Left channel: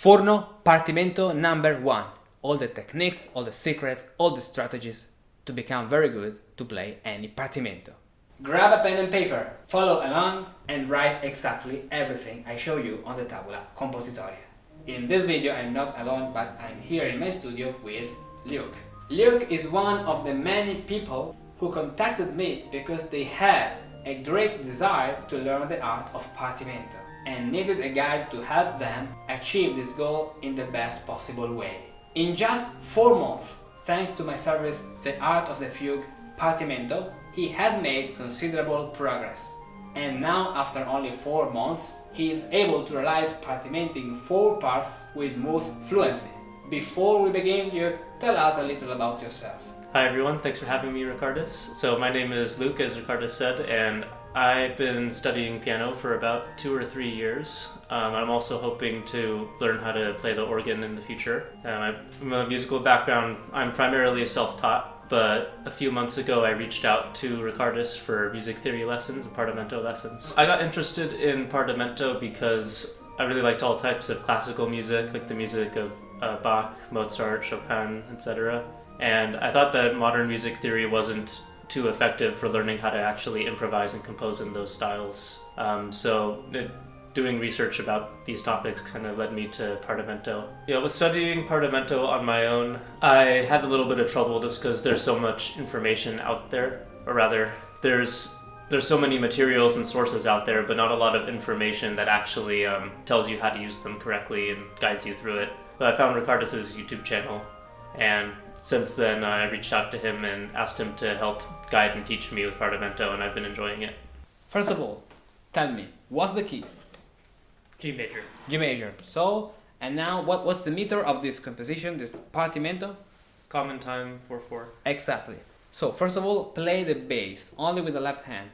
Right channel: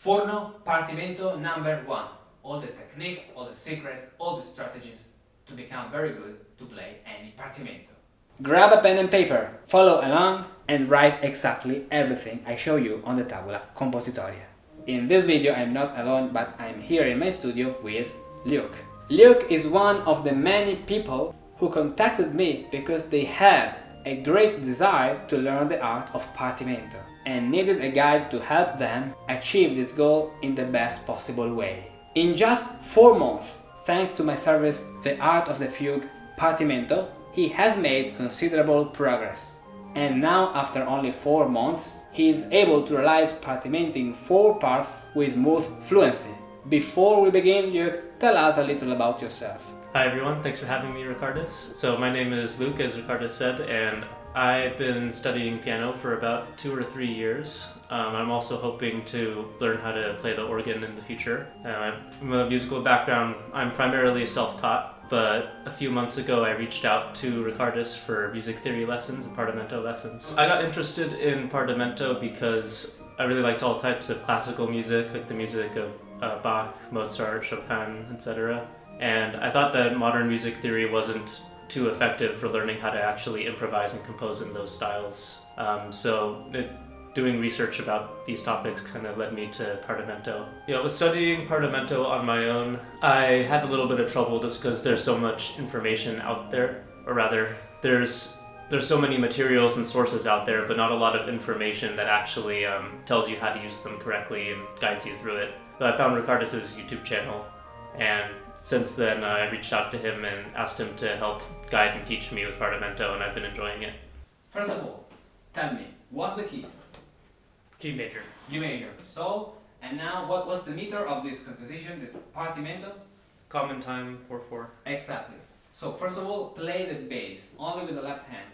Furno Partimento #1. All the techniques, all the secrets, all the strategies to become very good to play any Partimento. Grab a pen and paper, follow along and write exactly everything I show you on the tabula compositoria. In this video I'm not alone, but I'm here in my studio with Luke. Luke is one of the many people who contacted me because they had a great desire to learn the art of Partimento and needed a guide to help them achieve this goal in the best possible way. In just 4 months, thanks to my service The Art of the Fugue Partimento, he has made considerable progress. And now, after only 4 months, he is able to realize Partimento in 4 parts with smooth fluency. Before we begin, Luke, tell us a little about yourself. Hi everyone, thanks for having me, Ricardus. So my name is Luke, as Ricardus said, and I've been studying piano for about 2 or 3 years. I'm also hoping to learn how to play the organ in the future. From a musical background, I'm primarily self-taught, but a few months ago I reached out to Ricardus for music theory lessons and Partimento lessons. I got interested in Partimento because I really liked all types of classical music, like the music of Bach, Mozart, Chopin, etc. And I thought that modern music theory wasn't too effective for learning how to actually improvise and compose in those styles. Doing research about these topics kind of led me to Partimento. With studying Partimento on my own, I had a little bit of trouble just because there's so much information out there, or rather, there's so many materials and sources out there, but not a lot of information that actually tells you how to use them correctly and guides you through it. But I found Ricardus' YouTube channel, and since then I reached out to him and asked him to help guide and teach me with Partimento, and I've been enjoying it. First of all, tell me, what's the key? G major. G major. So, and now what's the meter of this composition, this Partimento? Common time 4/4. Exactly. So, first of all, play the bass, only with the left hand.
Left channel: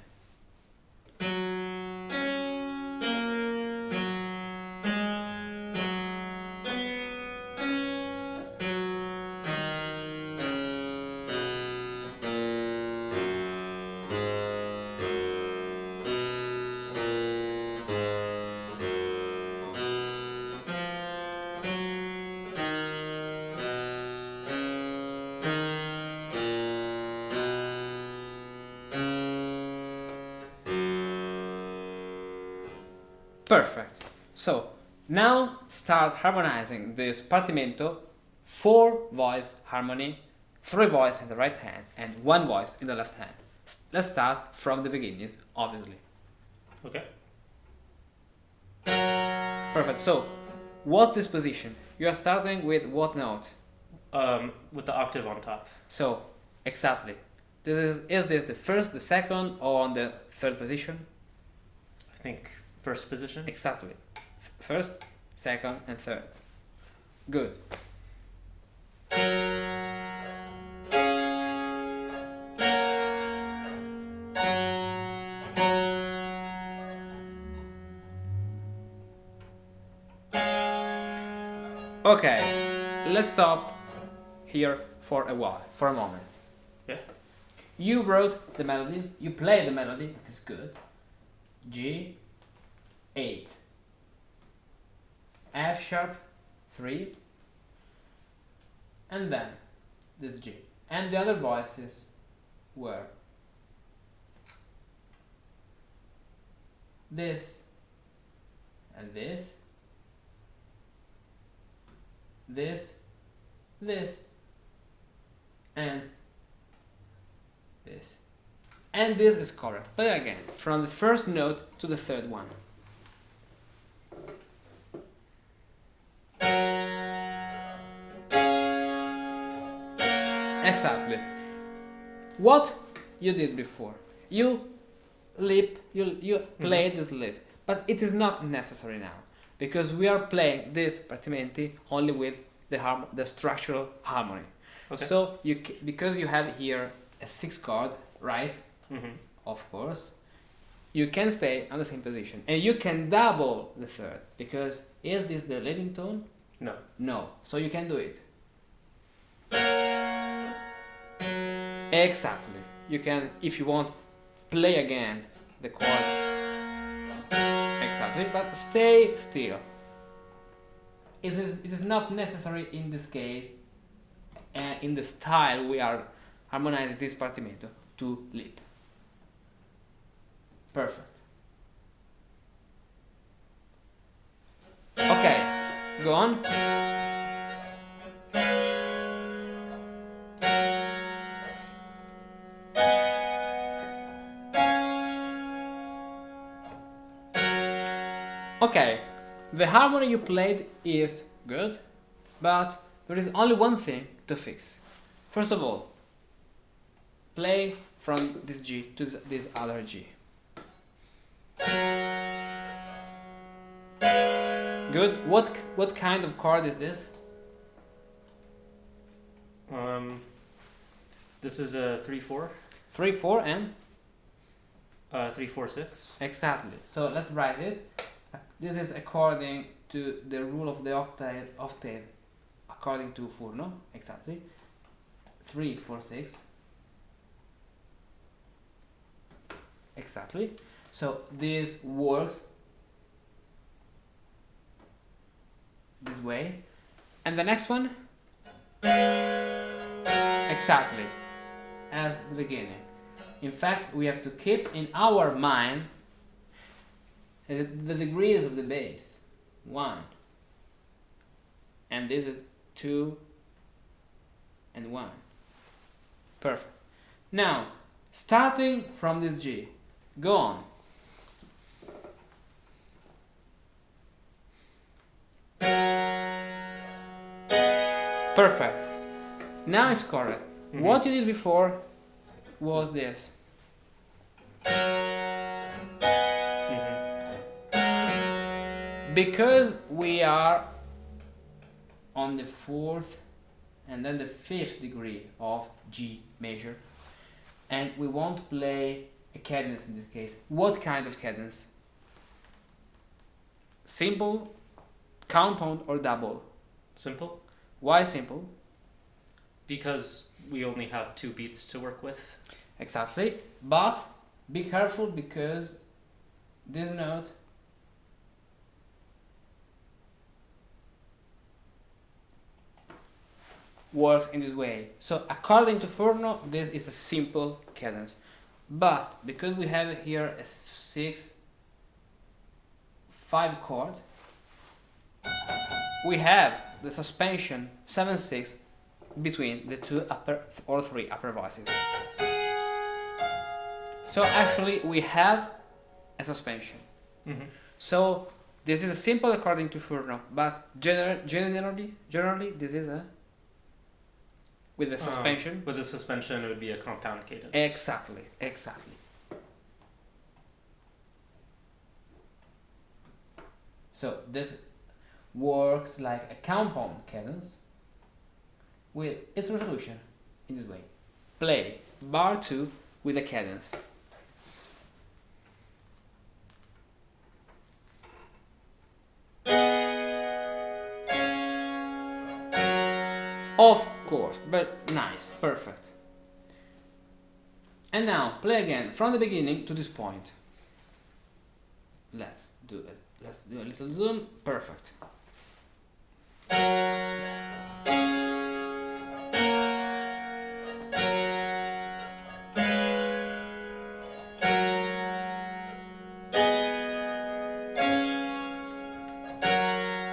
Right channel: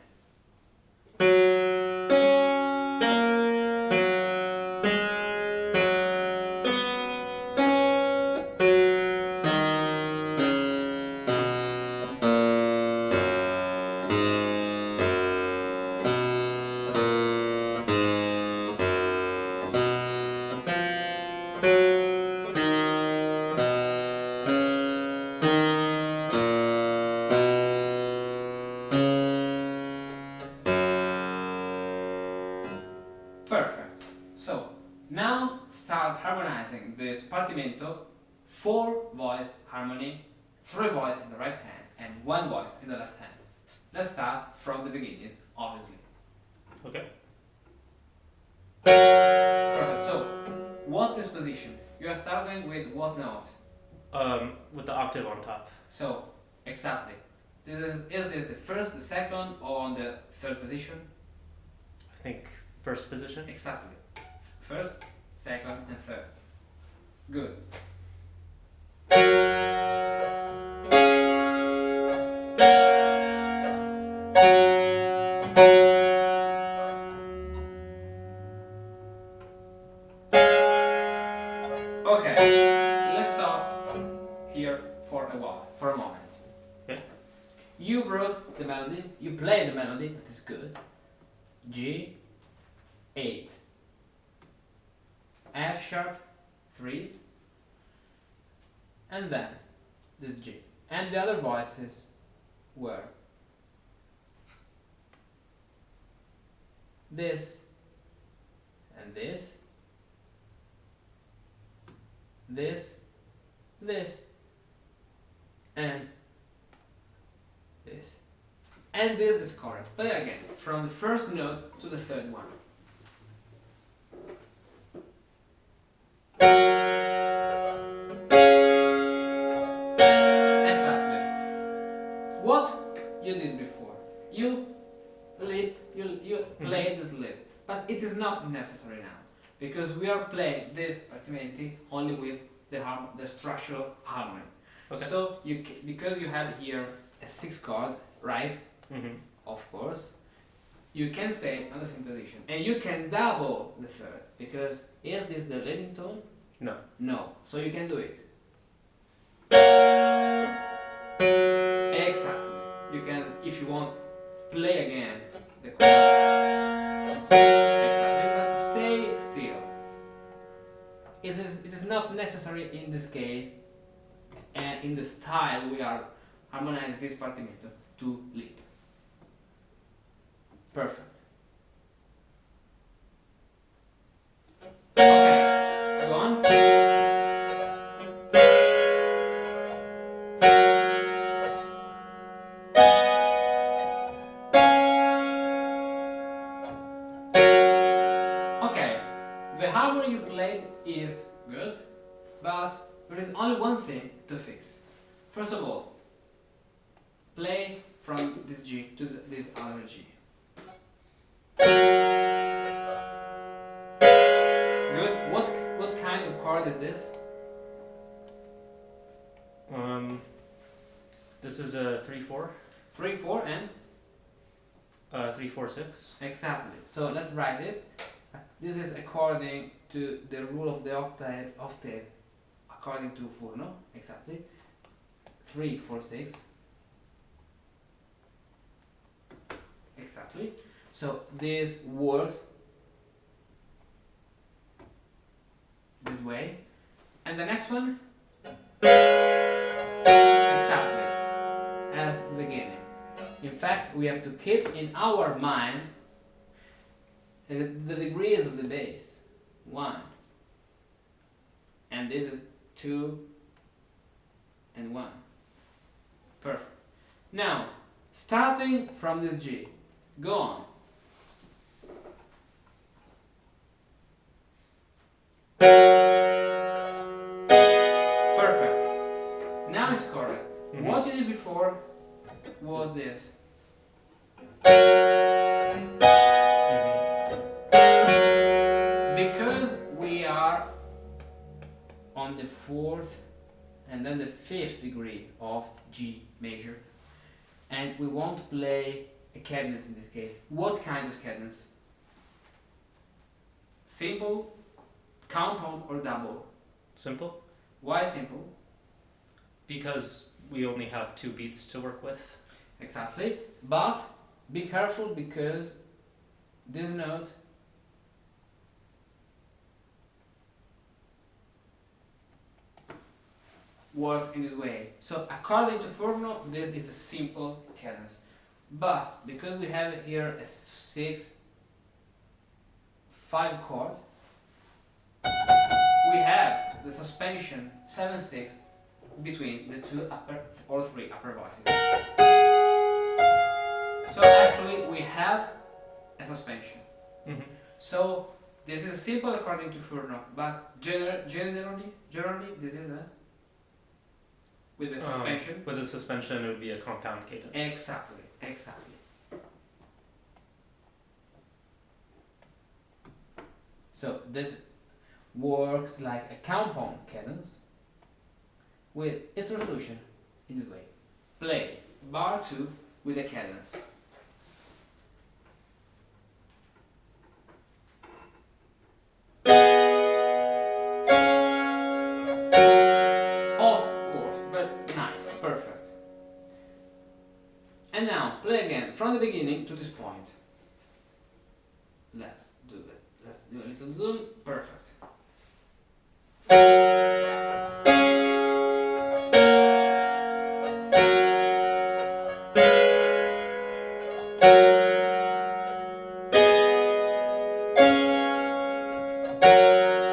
Perfect. So, now start harmonizing this Partimento, 4 voice harmony, 3 voice in the right hand and 1 voice in the left hand. Let's start from the beginnings, obviously. Okay. Perfect. So, what's this position? You are starting with what note? With the octave on top. So, exactly. Is this the first, the second, or on the third position? I think first position. Exactly. First, second, and third. Good. Okay, let's stop here for a while, for a moment. Yeah. You wrote the melody, you play the melody, that is good. G, 8, F sharp, 3, and then this G. And the other voices were this, and this, and this. And this is correct. Play again, from the first note to the third one. Exactly. What you did before. You played this lip, but it is not necessary now, because we are playing this Partimenti only with the structural harmony. Okay. So because you have here a 6 chord, right? Mm-hmm. Of course, you can stay on the same position, and you can double the third, because is this the leading tone? No. No. So you can do it. Exactly. You can, if you want, play again the chord. Exactly, but stay still. it is not necessary in this case, and in the style we are harmonizing this partimento, to leap. Perfect. Okay, go on. Okay, the harmony you played is good, but there is only one thing to fix. First of all, play from this G to this other G. Good. What kind of chord is this? This is a 3/4. 3/4 and 3/4/6. exactly. So let's write it. This is according to the rule of the octave, according to Furno, exactly. 3/4/6. Exactly. So this works this way. And the next one, exactly as the beginning. In fact, we have to keep in our mind the degrees of the bass. 1, and this is 2 and 1. Perfect. Now, starting from this G, go on. Perfect. Now it's correct. Mm-hmm. What you did before was this. Because we are on the 4th and then the 5th degree of G major, and we want to play a cadence in this case. What kind of cadence? Simple, compound, or double? Simple. Why simple? Because we only have 2 beats to work with. Exactly, but be careful because this note works in this way. So according to Furno, this is a simple cadence, but because we have here a 6/5 chord, we have the suspension 7/6 between the 2 upper or 3 upper voices. So actually we have a suspension. Mm-hmm. So this is a simple according to Furno, but generally this is a with the suspension. With the suspension, it would be a compound cadence. Exactly. So this works like a compound cadence with its resolution in this way. Play bar 2 with a cadence. Of course, but nice, perfect. And now play again from the beginning to this point. Let's do it. Let's do a little zoom. Perfect.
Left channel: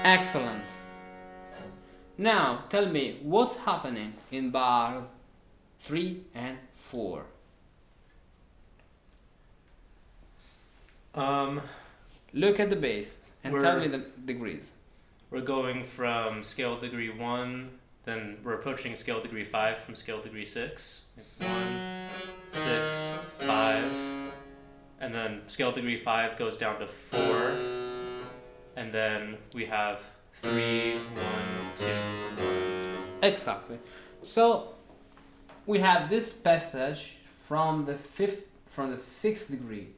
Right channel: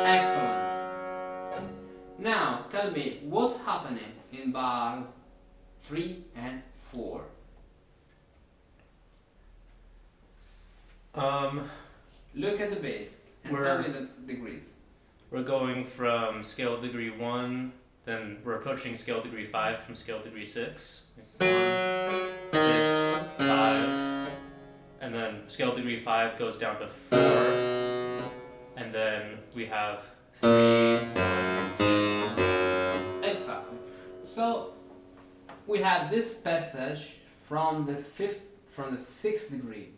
Excellent. Now tell me what's happening in bars 3 and 4. Look at the bass and tell me the degrees. We're going from scale degree 1, then we're approaching scale degree 5 from scale degree 6. 1, 6, 5, and then scale degree 5 goes down to 4, and then we have 3, 1, 2. Exactly. So we have this passage from the 6th degree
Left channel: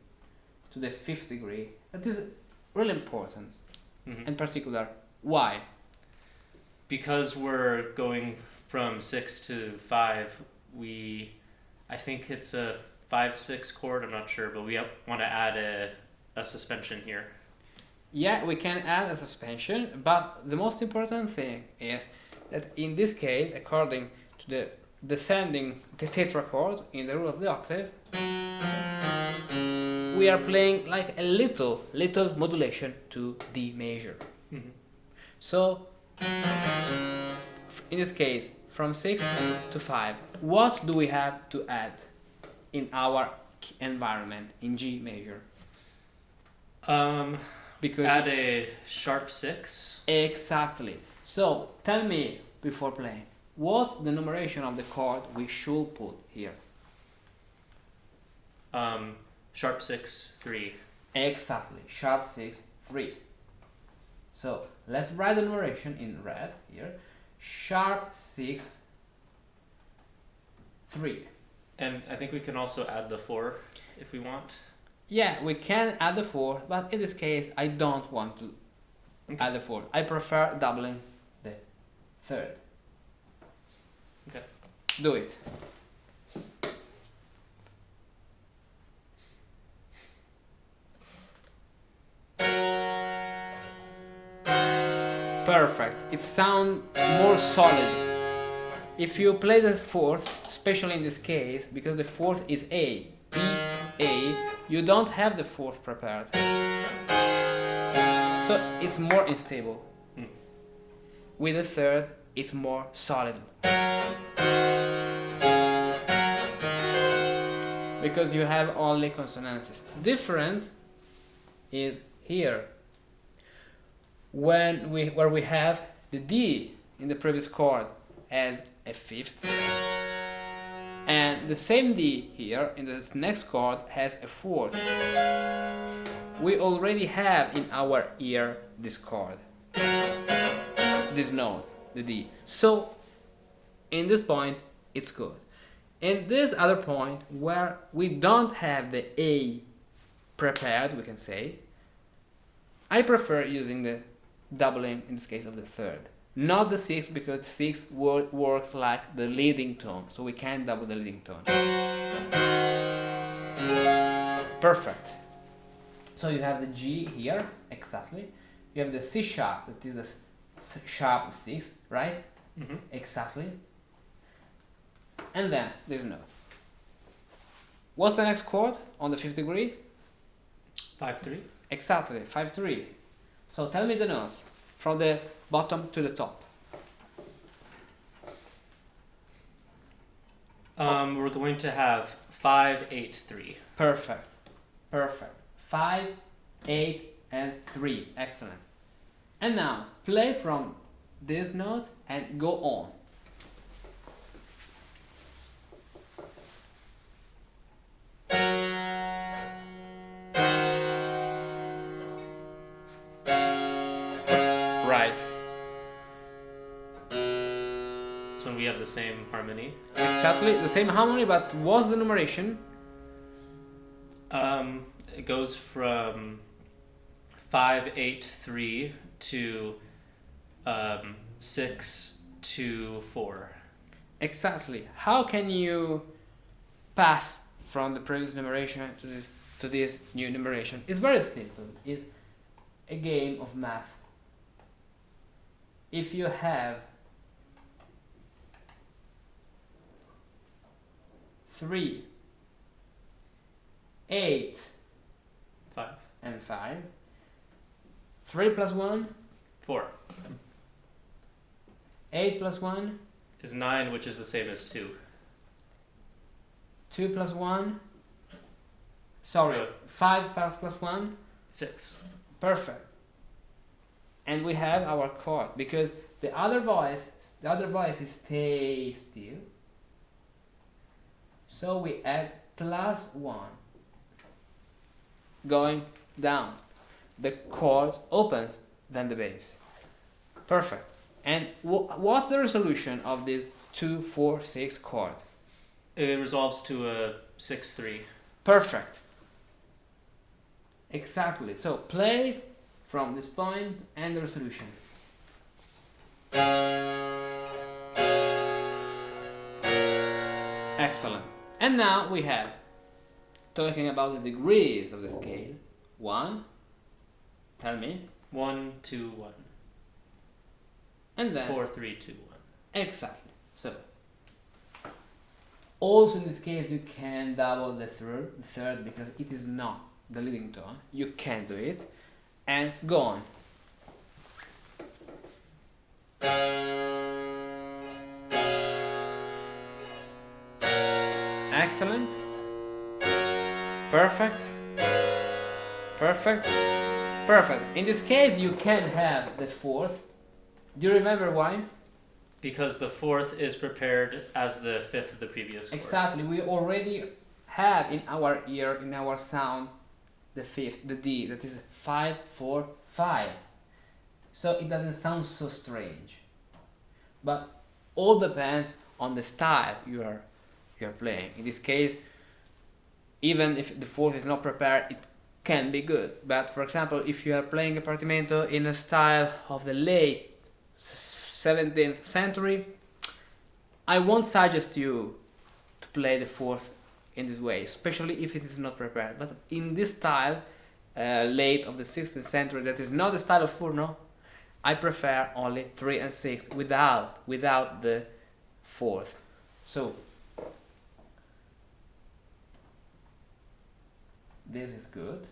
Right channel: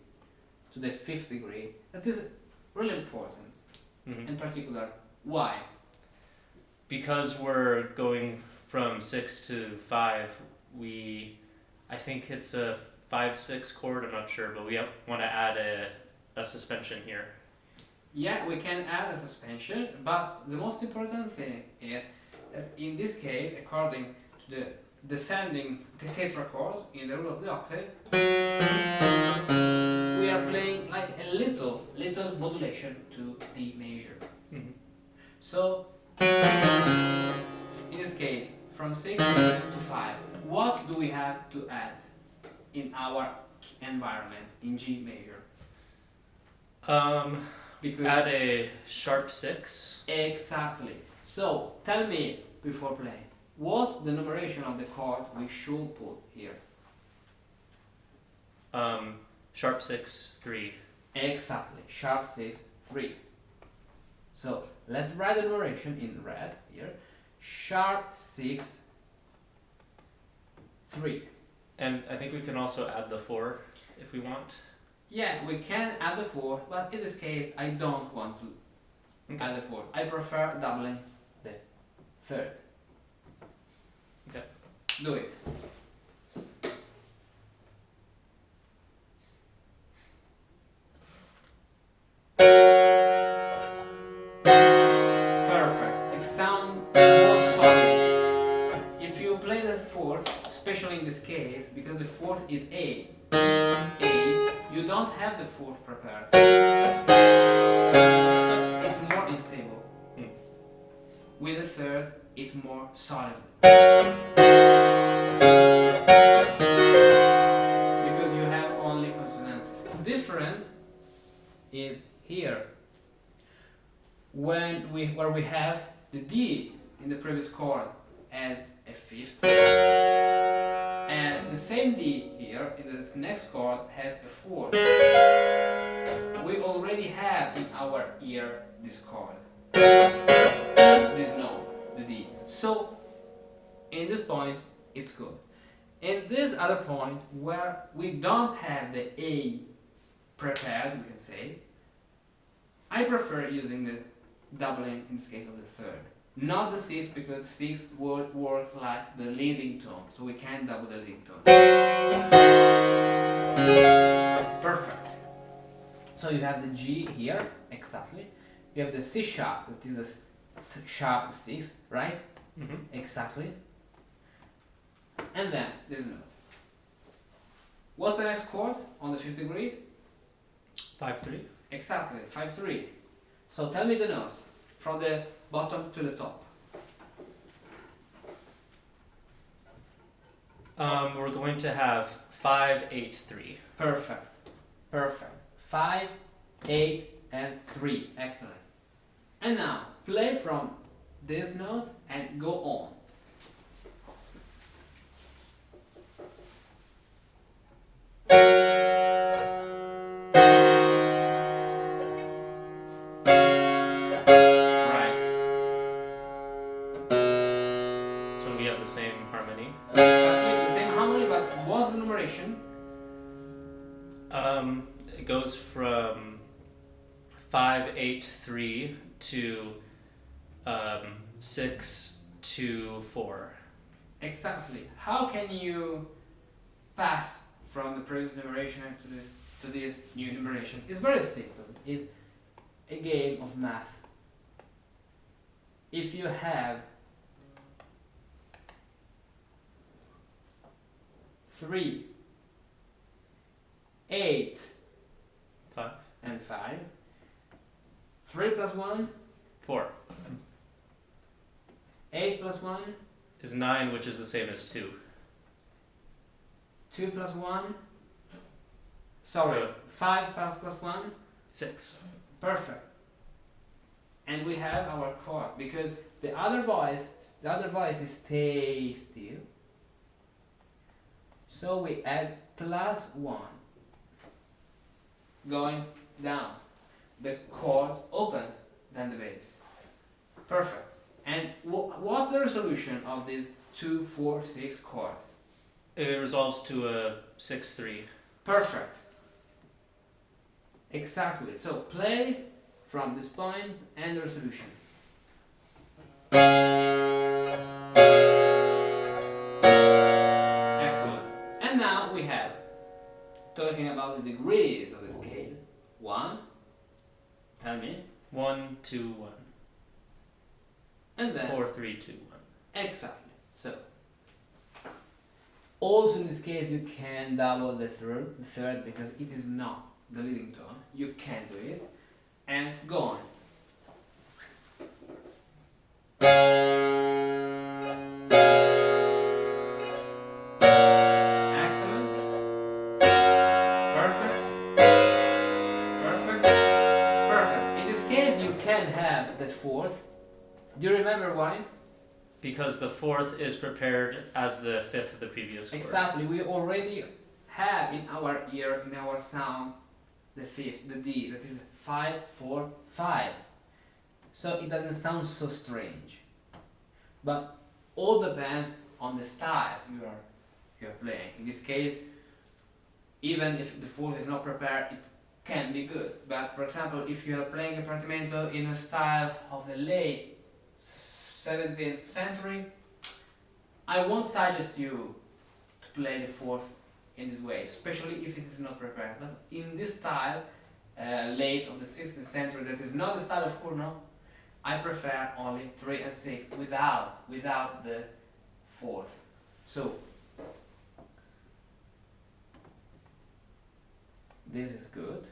to the 5th degree. That is really important. Mm-hmm. In particular, why? Because we're going from 6 to 5, I think it's a 5/6 chord, I'm not sure, but we want to add a suspension here. Yeah, we can add a suspension, but the most important thing is that in this case, according to the descending the tetrachord in the rule of the octave, we are playing like a little modulation to D major. Mm-hmm. So in this case, from 6 to 5, what do we have to add in our environment in G major? Because add a sharp 6. Exactly. So tell me before playing, what's the numeration of the chord we should put here? Sharp 6, 3. Exactly, sharp 6, 3. So let's write the numeration in red here. Sharp 6, 3. And I think we can also add the 4 if we want. Yeah, we can add the 4, but in this case I don't want to add the 4. I prefer doubling the third. Okay. Do it. Perfect. It sounds more solid. If you play the fourth, especially in this case, because the fourth is A, you don't have the fourth prepared. So it's more unstable. With the third, it's more solid. Because you have only consonances. Different is here. Where we have the D in the previous chord as a fifth, and the same D here in this next chord has a fourth. We already have in our ear this chord, this note, the D. So in this point it's good. In this other point where we don't have the A prepared, we can say, I prefer using the doubling in this case of the third. Not the 6, because 6 works like the leading tone, so we can't double the leading tone. Perfect. So you have the G here, exactly. You have the C sharp, that is a sharp 6, right? Mm-hmm. Exactly. And then this note. What's the next chord on the 5th degree? 5-3. Exactly, 5-3. So tell me the notes from the bottom to the top. We're going to have 5-8-3. Perfect. Perfect. 5, 8, and 3. Excellent. And now play from this note and go on. We have the same harmony. Exactly, the same harmony, but what's the numeration? It goes from 5-8-3 to 6-2-4. Exactly. How can you pass from the previous numeration to this new numeration? It's very simple. It's a game of math. If you have 3, 8, 5, and 5. 3 plus 1? 4. 8 plus 1? Is 9, which is the same as 2. 2 plus 1? Sorry, 5 plus 1? 6. Perfect. And we have our chord, because the other voice is stay still. So we add plus 1 going down. The chords opens, then the bass. Perfect. And what's the resolution of this 2-4-6 chord? It resolves to a 6-3. Perfect. Exactly. So play from this point and the resolution. Excellent. And now we have, talking about the degrees of the scale, 1, Tell me. 1, 2, 1. And then 4, 3, 2, 1. Exactly. So also in this case you can double the third because it is not the leading tone. You can do it and go on. Excellent. Perfect. Perfect. Perfect. In this case you can have the fourth. Do you remember why? Because the fourth is prepared as the fifth of the previous chord. Exactly. We already have in our ear, in our sound, the fifth, the D, that is 5, 4, 5. So it doesn't sound so strange. But all depends on the style you are playing. In this case, even if the fourth is not prepared, it can be good. But for example, if you are playing a Partimento in a style of the late 17th century, I won't suggest you to play the fourth in this way, especially if it is not prepared. But in this style, late of the 16th century, that is not the style of Furno, I prefer only 3 and 6 without the fourth. So this is good.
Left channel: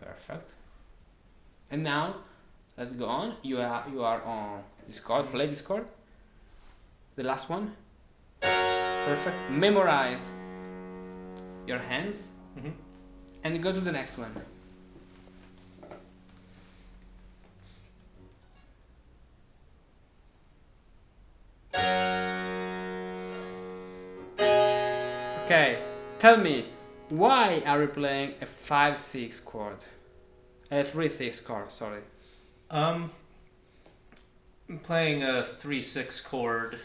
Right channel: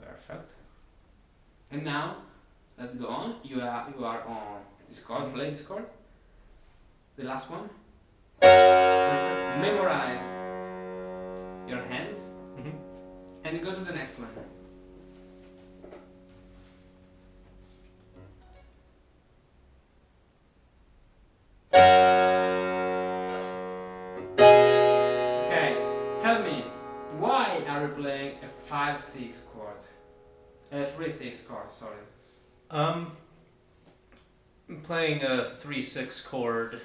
Perfect. And now let's go on. You are on this chord. Play this chord. The last one. Perfect. Memorize your hands. And go to the next one. Okay, tell me, why are we playing a 5-6 chord? A 3-6 chord, sorry. I'm playing a 3-6 chord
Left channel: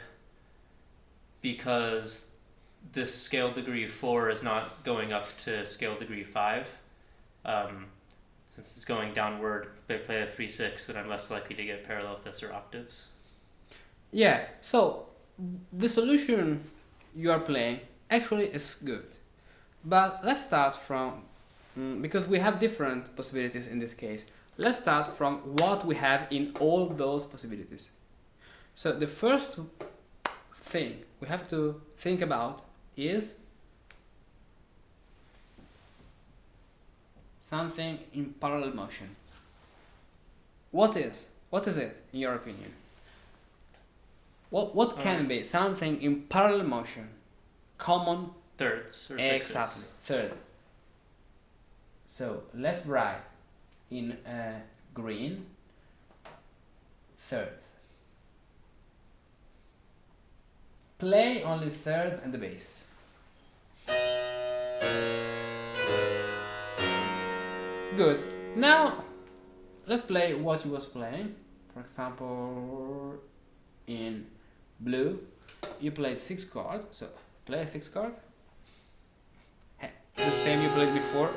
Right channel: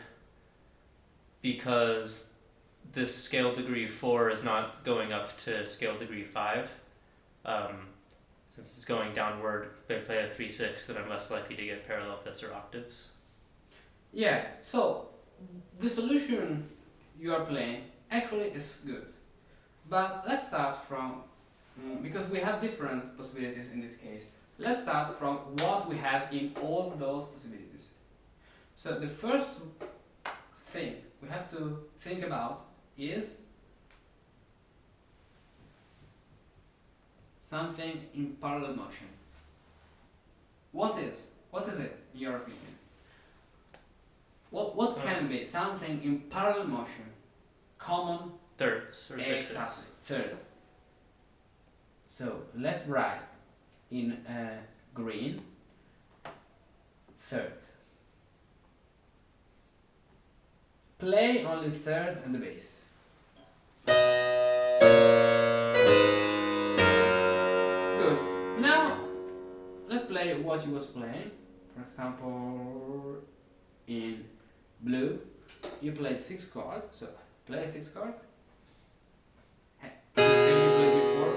because this scale degree 4 is not going up to scale degree 5. Since it's going downward, if I play a 3-6, then I'm less likely to get parallel fifths or octaves. Yeah, so the solution you are playing actually is good. But let's start from, because we have different possibilities in this case, let's start from what we have in all those possibilities. So the first thing we have to think about is something in parallel motion. What is it in your opinion? What can be something in parallel motion? Common thirds or sixes. Exactly, thirds. So let's write in green thirds. Play only thirds and the bass. Good. Now let's play what you was playing. For example, in blue, you played 6 chord. So play a 6 chord. The same you played before.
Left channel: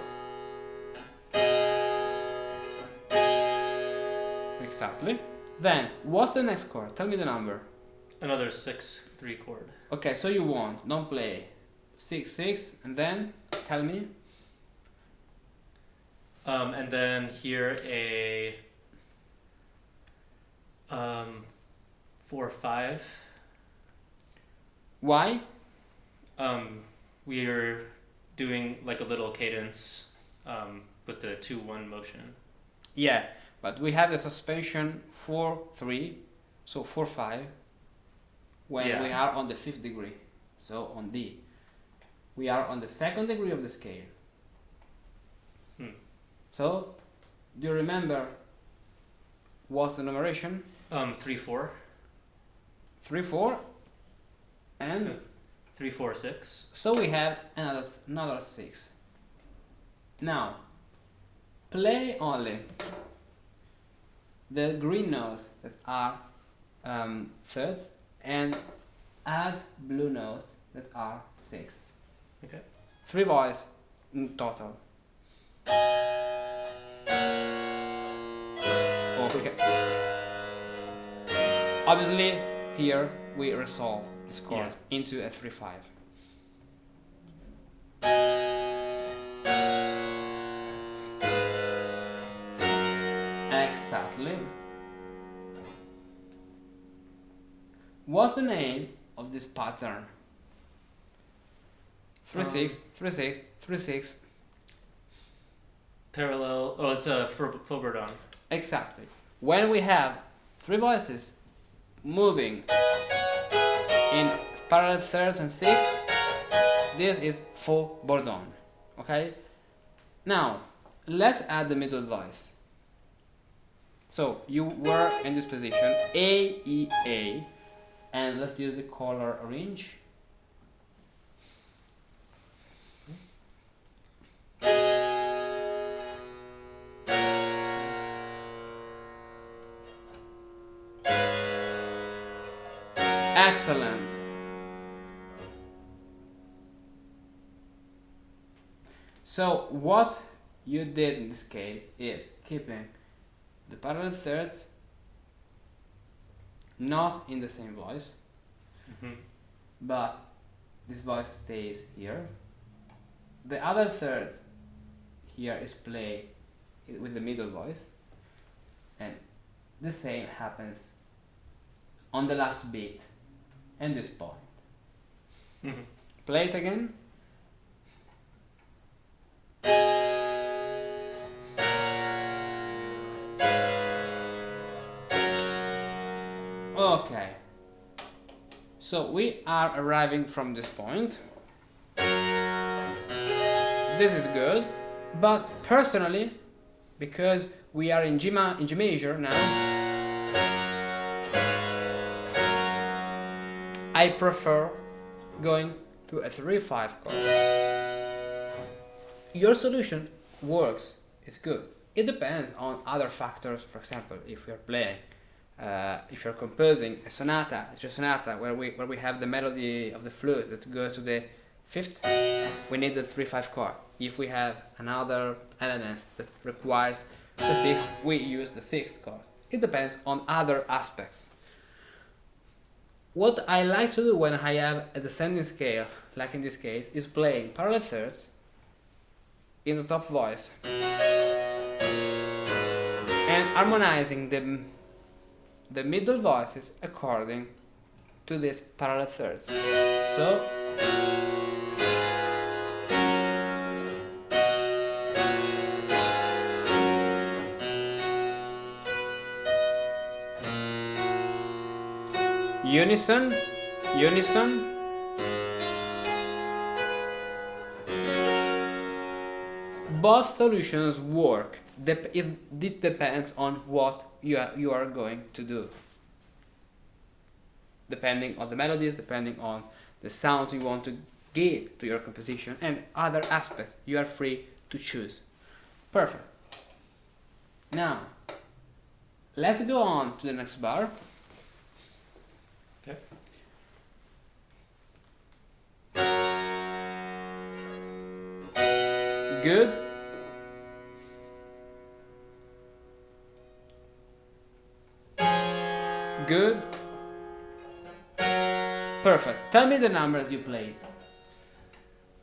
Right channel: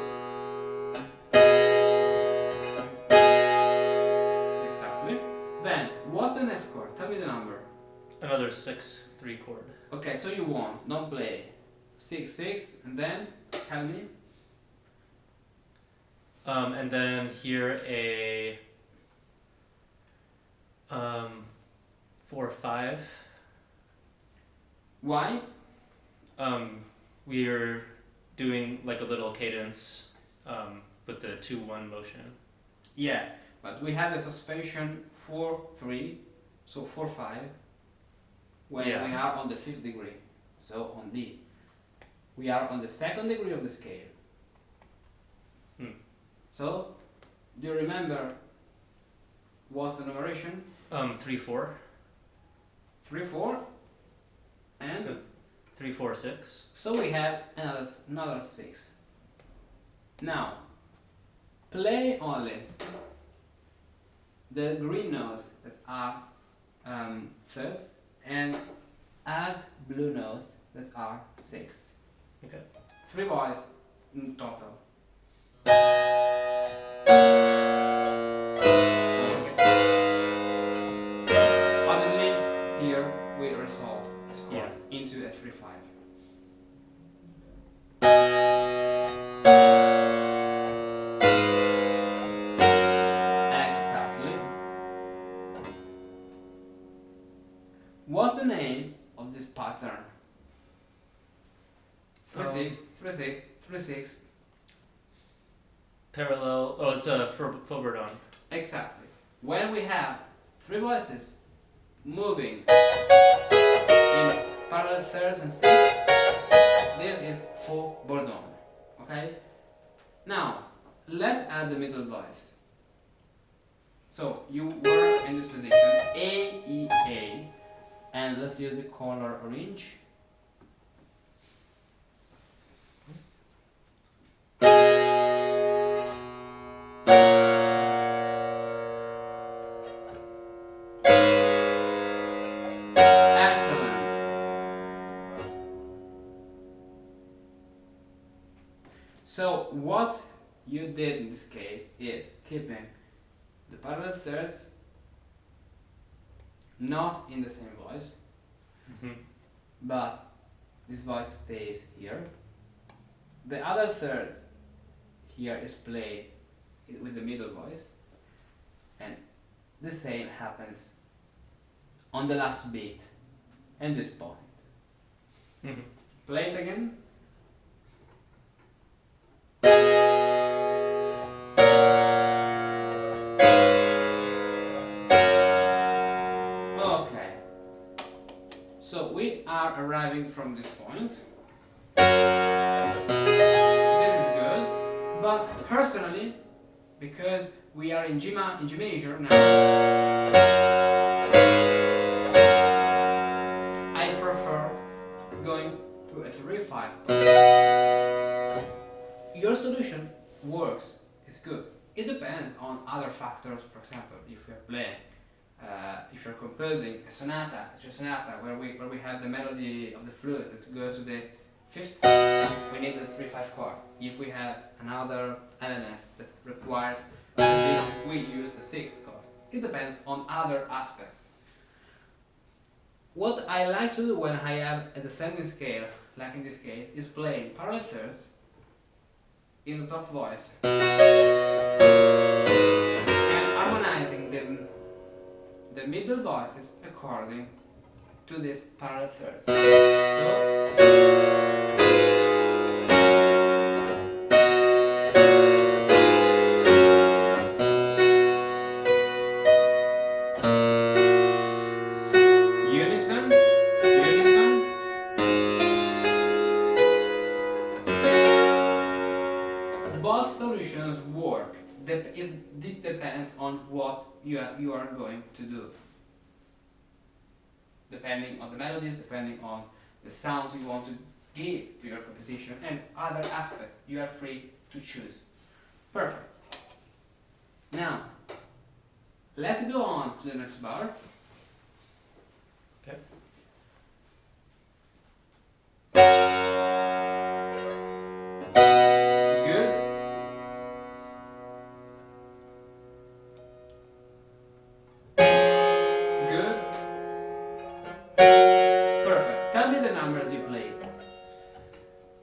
Exactly. Then what's the next chord? Tell me the number. Another 6/3 chord. Okay, so you won't. Don't play 6/6, and then tell me. And then here a 4/5. Why? We're doing like a little cadence with the 2/1 motion. Yeah, but we have the suspension 4/3, so 4/5. When we are on the 5th degree, so on D, we are on the 2nd degree of the scale. So, do you remember what's the numeration? 3/4. 3/4, and 3/4/6. so we have another 6. Now, play only the green notes that are thirds and add blue notes that are sixths. Okay. 3 voices in total. Okay. Obviously, here we resolve this chord into a 3/5. Exactly. What's the name of this pattern? 3-6, 3-6, 3-6. Parallel. Oh, it's a Foberdon. Exactly. When we have three voices moving in parallel thirds and sixths, this is Foberdon. Okay? Now, let's add the middle voice. So, you were in this position, A, E, A, and let's use the color orange. Excellent. So what you did in this case is keeping the parallel thirds not in the same voice, but this voice stays here. The other third here is played with the middle voice, and the same happens on the last beat and this point. Play it again. Okay, so we are arriving from this point. This is good, but personally, because we are in G major now, I prefer going to a 3-5 chord. Your solution works, it's good. It depends on other factors. For example, if you're playing, if you're composing a sonata, where we have the melody of the flute that goes to the fifth, we need the 3-5 chord. If we have another element that requires the sixth, we use the sixth chord. It depends on other aspects. What I like to do when I have a descending scale, like in this case, is playing parallel thirds in the top voice and harmonizing the middle voices according to these parallel thirds. So unison. Both solutions work. It depends on what you are going to do. Depending on the melodies, depending on the sounds you want to give to your composition, and other aspects, you are free to choose. Perfect. Now, let's go on to the next bar. Okay. Good. Good. Perfect. Tell me the numbers you played.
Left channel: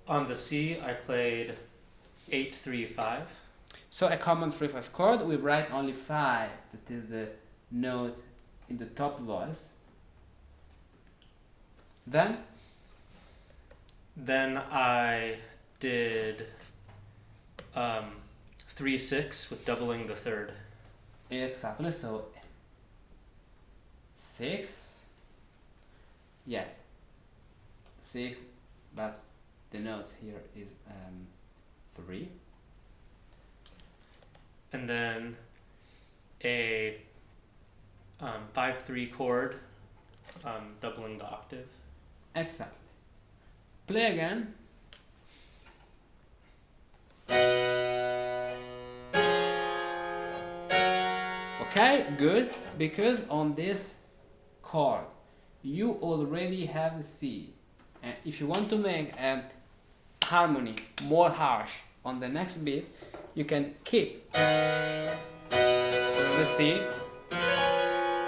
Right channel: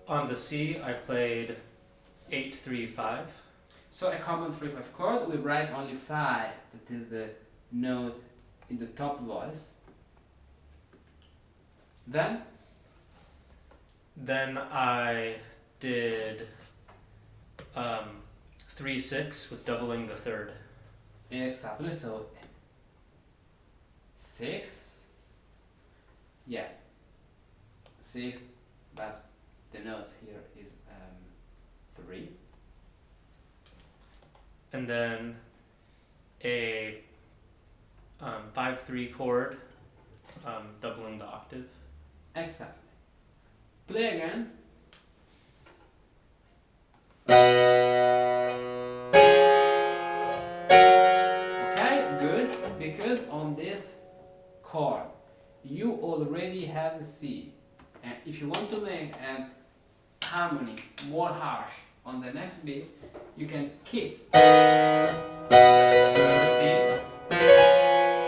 On the C, I played 8-3-5. So a common 3-5 chord, we write only 5, that is the note in the top voice. Then I did 3-6 with doubling the third. exactly, so 6, yeah, 6, but the note here is 3. And then a 5-3 chord, doubling the octave. Exactly. Play again. Okay, good, because on this chord you already have the C, and if you want to make a harmony more harsh on the next beat, you can keep the C,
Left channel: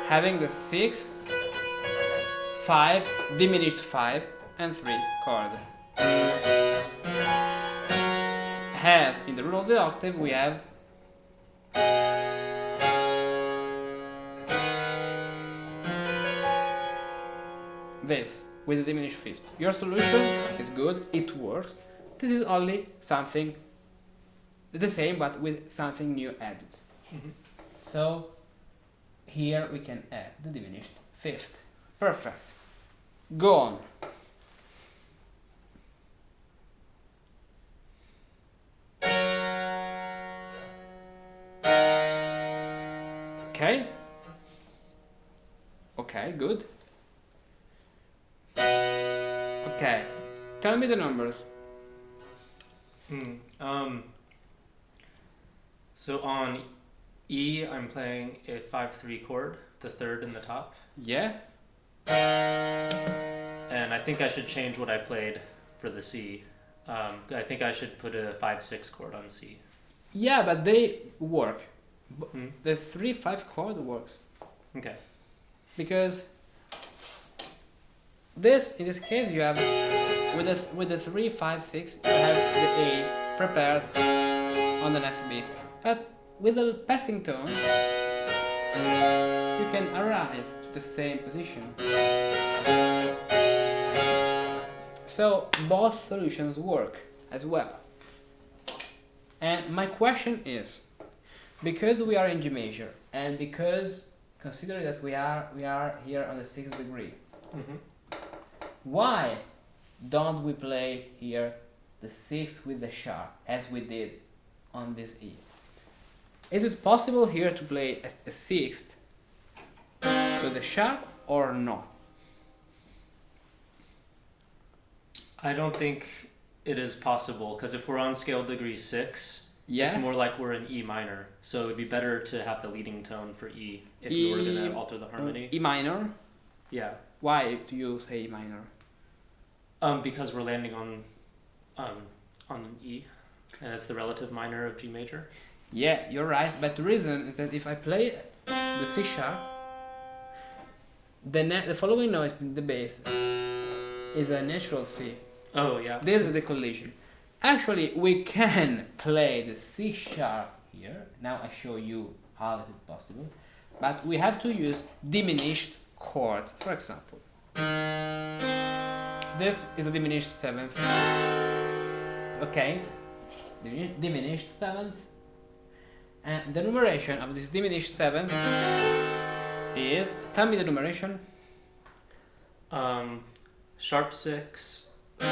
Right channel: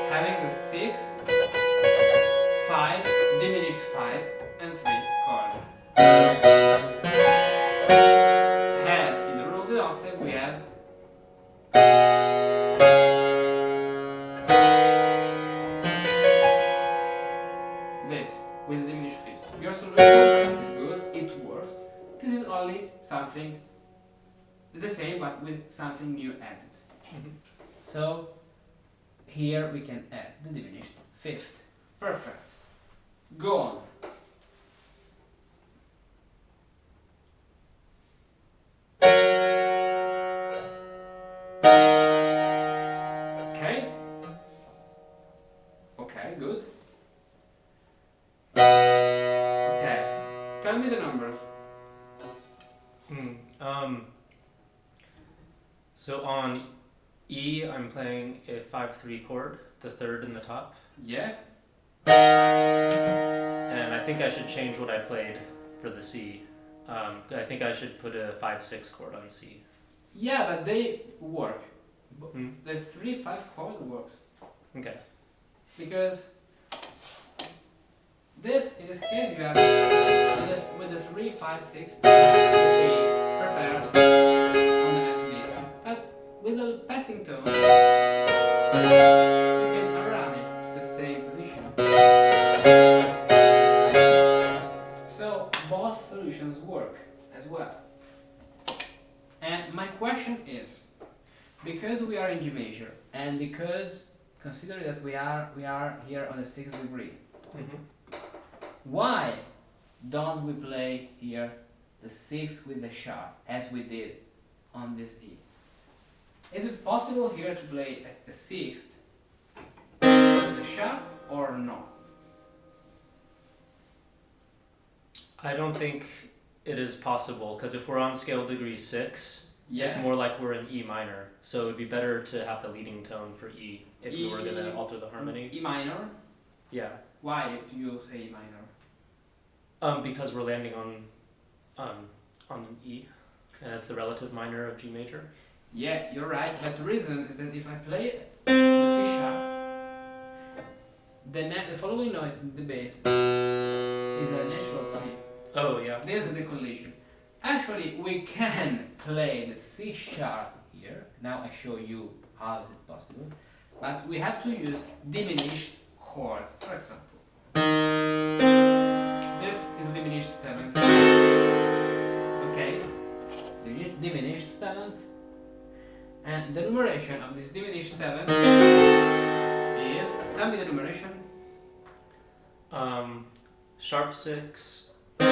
having the 6, 5, diminished 5 and 3 chord. As in the rule of the octave we have this with the diminished fifth. Your solution is good, it works. This is only something the same but with something new added. So here we can add the diminished fifth. Perfect. Go on. Okay. Okay, good. Okay. Tell me the numbers. So on E, I'm playing a 5/3 chord, the third in the top. Yeah. And I think I should change what I played for the C. I think I should put a 5/6 chord on C. Yeah, but they work. The 3/5 chord works. Okay. Because this, in this case, you have with the 3/5/6, you have the A prepared on the next beat. But with the passing tone, you can arrive to the same position. So both solutions work as well. And my question is, because we are in G major, and because considering that we are here on the 6th degree, why don't we play here the 6th with the sharp as we did on this E? Is it possible here to play a 6th with the sharp or not? I don't think it is possible, because if we're on scale degree 6, Yeah. it's more like we're in E minor. So it would be better to have the leading tone for E if we were going to alter the harmony. E minor? Yeah. Why do you say E minor? Because we're landing on an E, and it's the relative minor of G major. Yeah, you're right, but the reason is that if I play the C sharp, the following note in the bass is a natural C. Oh, yeah. This is the collision. Actually, we can play the C sharp here. Now I show you how is it possible. But we have to use diminished chords, for example. This is a diminished 7th. Okay, diminished 7th. And the numeration of this diminished 7th is, tell me the numeration. Sharp 6, 3,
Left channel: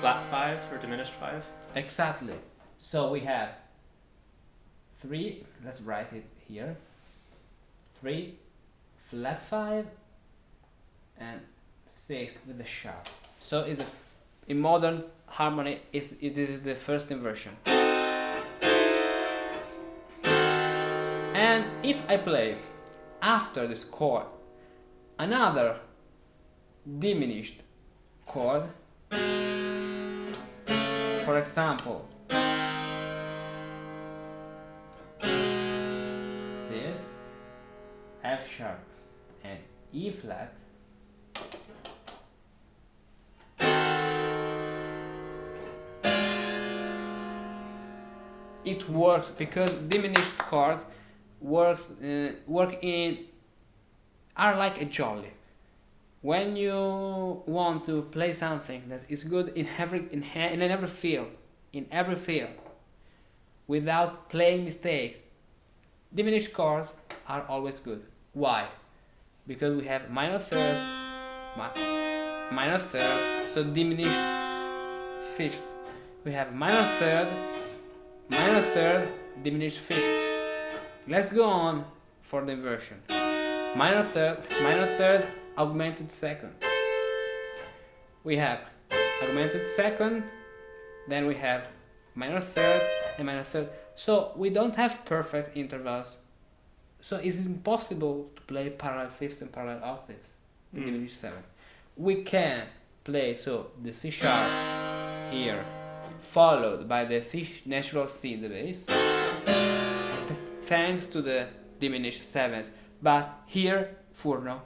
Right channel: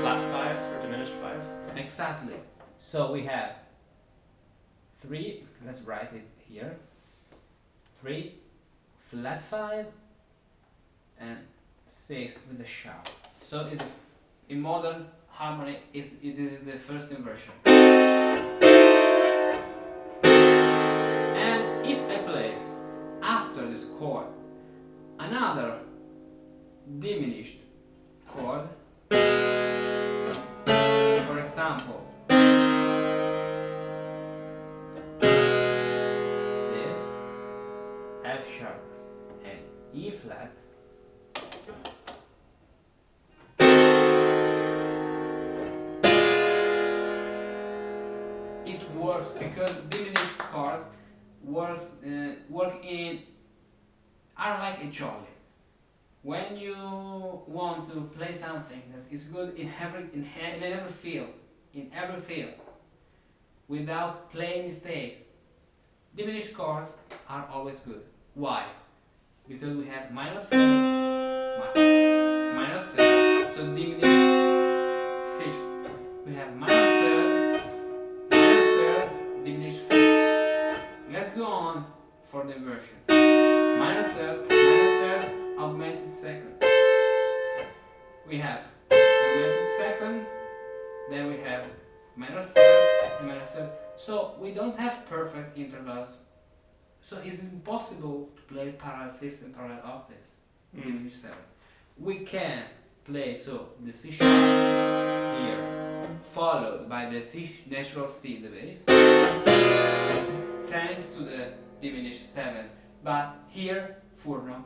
flat 5, or diminished 5. Exactly. So we have 3, let's write it here. 3, flat 5, and 6 with the sharp. So is in modern harmony it is the first inversion. And if I play after this chord another diminished chord, for example this F sharp and E flat, it works because diminished chords are like a jolly. When you want to play something that is good in every field, without playing mistakes, diminished chords are always good. Why? Because we have minor third, so diminished fifth. We have minor third, diminished fifth. Let's go on for the inversion. Minor third, augmented second. We have augmented second, then we have minor third and minor third. So we don't have perfect intervals. So it's impossible to play parallel fifth and parallel octaves in diminished seventh. We can play the C sharp here, followed by the natural C in the bass, thanks to the diminished seventh. But here Furno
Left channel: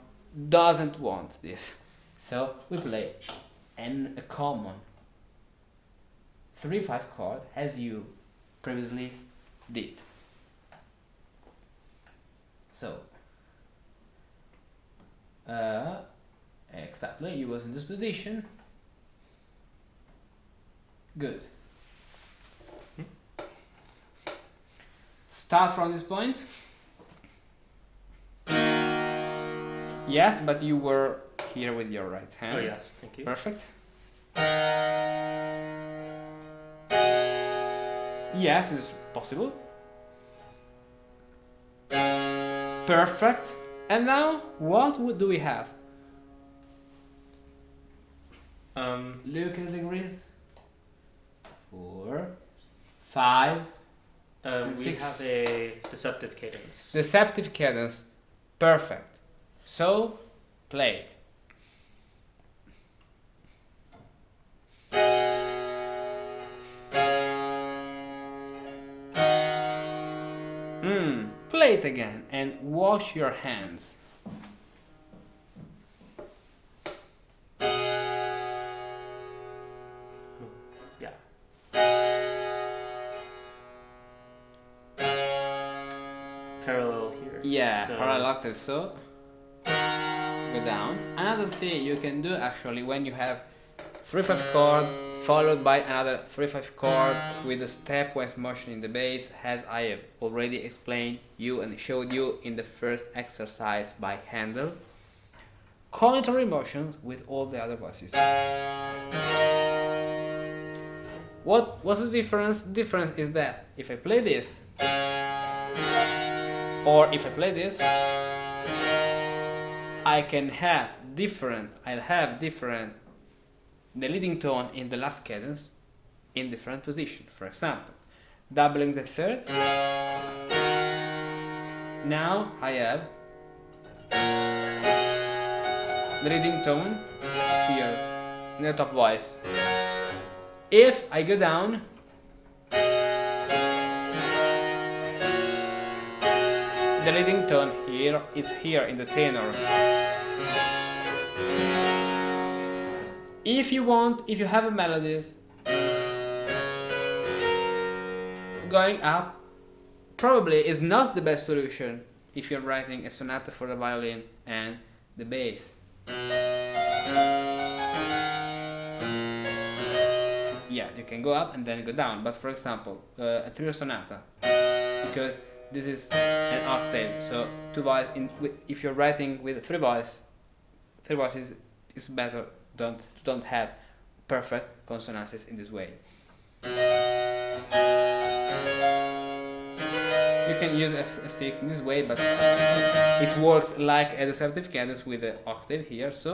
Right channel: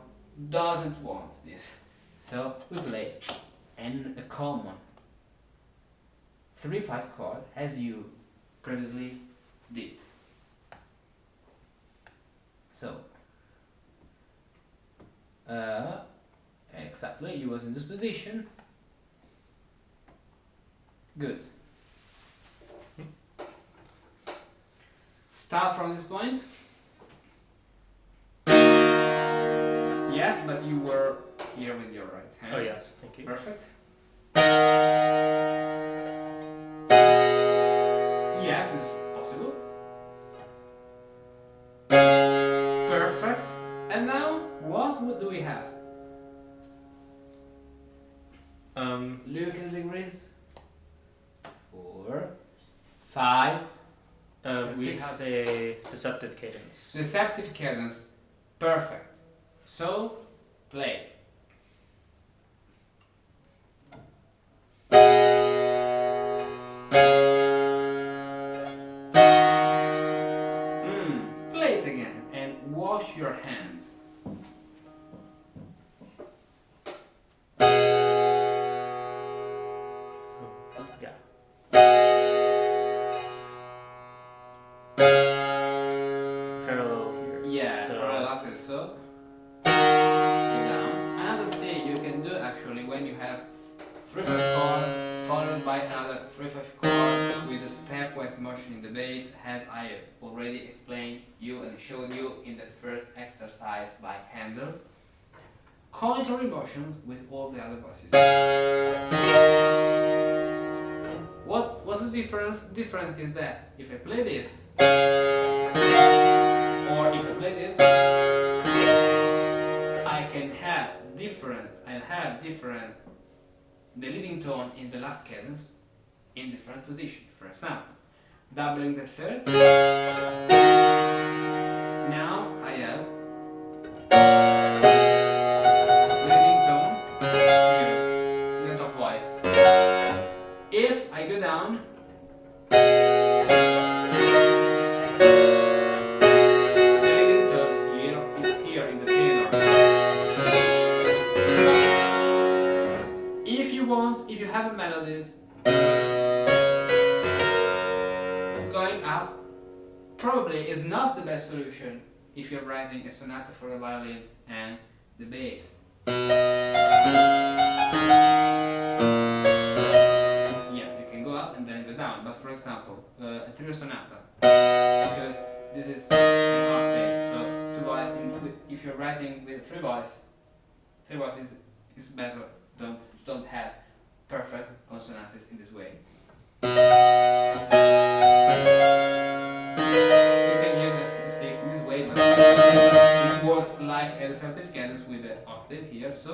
doesn't want this, so we play a common 3/5 chord as you previously did. So exactly. Exactly, you was in this position. Good. Start from this point. Yes, but you were here with your right hand. Oh yes, thank you. Perfect. Yes, it's possible. Perfect. And now, what do we have? Look at the degrees. 4, 5. We 6. have a deceptive cadence. Deceptive cadence. Perfect. So, play it. Play it again and wash your hands. Yeah. Parallel here. Yeah, so parallel octave, so go down. Another thing you can do actually when you have 3/5 chord followed by another 3/5 chord with a stepwise motion in the bass, as I have already explained you and showed you in the first exercise by Handel. Contrary motions with all the other voices. What's the difference? The difference is that if I play this, or if I play this, I'll have different the leading tone in the last cadence in different positions. For example, doubling the third. Now I have the leading tone here in the top voice. If I go down, the leading tone here is here in the tenor. If you have a melodies going up, probably is not the best solution if you're writing a sonata for the violin and the bass. Yeah, you can go up and then go down, but for example, a trio sonata, because this is an octave, so if you're writing with three voices is better. Don't have perfect consonances in this way. You can use a6 in this way, but it works like a deceptive cadence with the octave here, so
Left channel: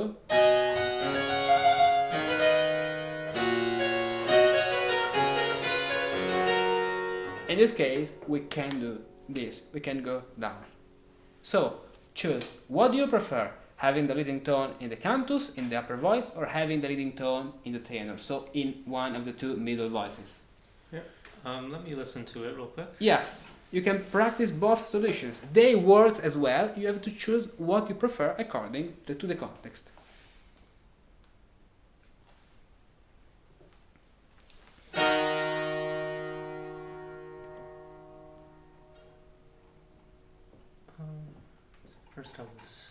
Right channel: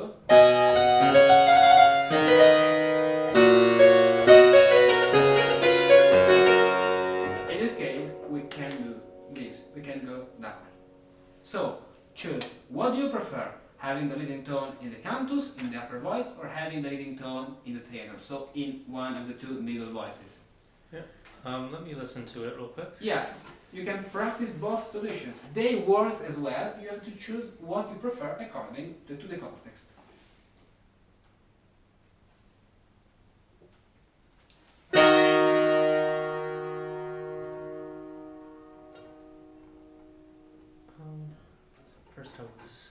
in this case we can do this, we can go down. So choose, what do you prefer? Having the leading tone in the cantus, in the upper voice, or having the leading tone in the tenor, so in one of the two middle voices? Yeah. Let me listen to it real quick. Yes, you can practice both solutions. They work as well. You have to choose what you prefer according to the context. First I was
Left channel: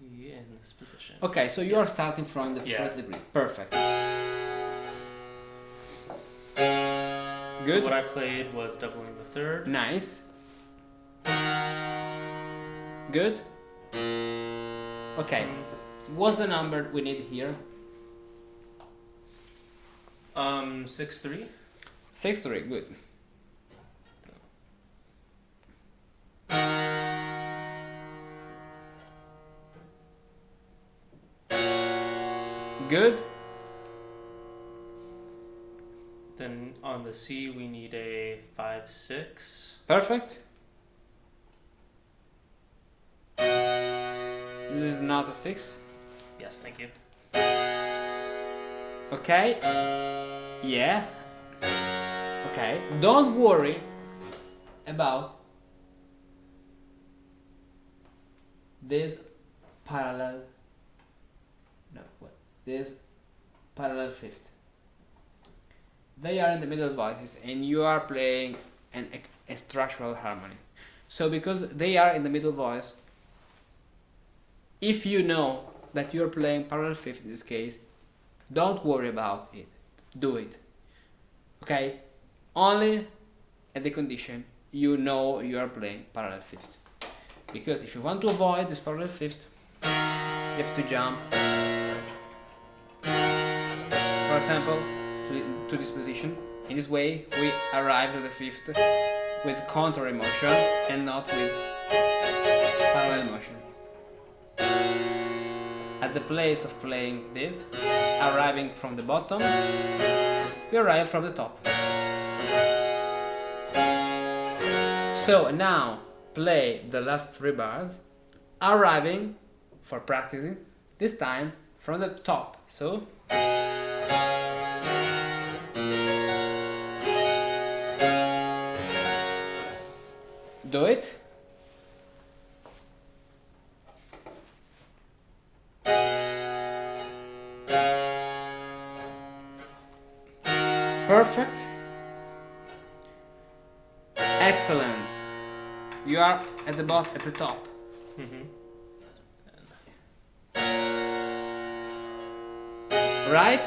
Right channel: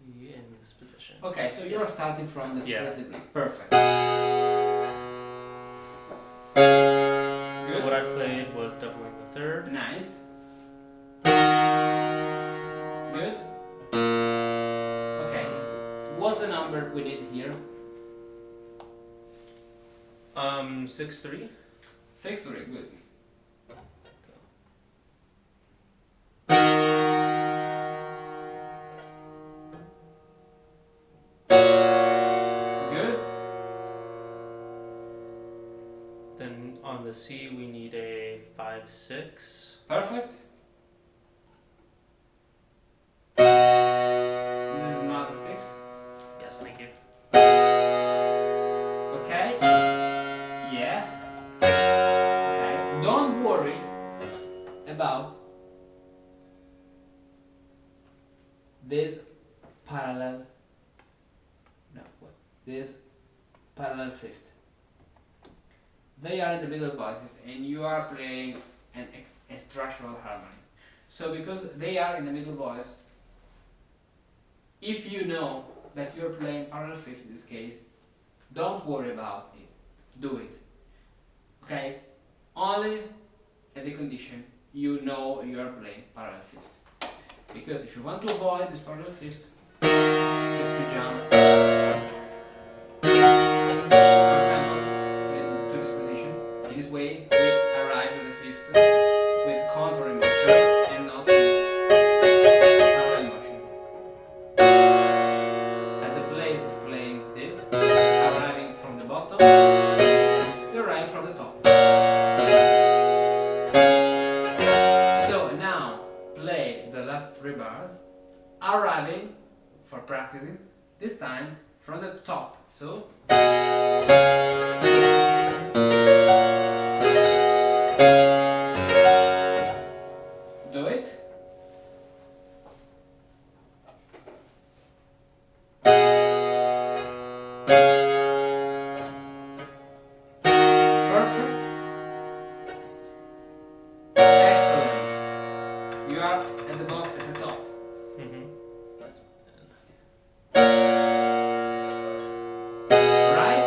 in this position. Okay, so you are starting from the first degree. Perfect. Good. So what I played was doubling the third. Nice. Good. Okay. What's the number we need here? 6/3. 6/3. Good. Good. Then on the C we need a 5/6. Perfect. This is not a 6. Yes, thank you. Okay. Yeah. Okay. Don't worry about this parallel. No, what? This parallel fifth. They are in the middle voices and you are playing a structural harmony. So because they are in the middle voice, if you know that you're playing parallel fifth in this case, don't worry about it. Do it. Okay? Only at the condition you know you are playing parallel fifth. Because if you want to avoid this parallel fifth, you have to jump, for example, to this position. In this way, we arrive to the fifth with counter motion and not with parallel motion. At the place of playing this, arriving from the bottom, you arrive from the top. So now play the last 3 bars, arriving for practicing, this time from the top. So do it. Perfect. Excellent. You are at the bottom, at the top. Right?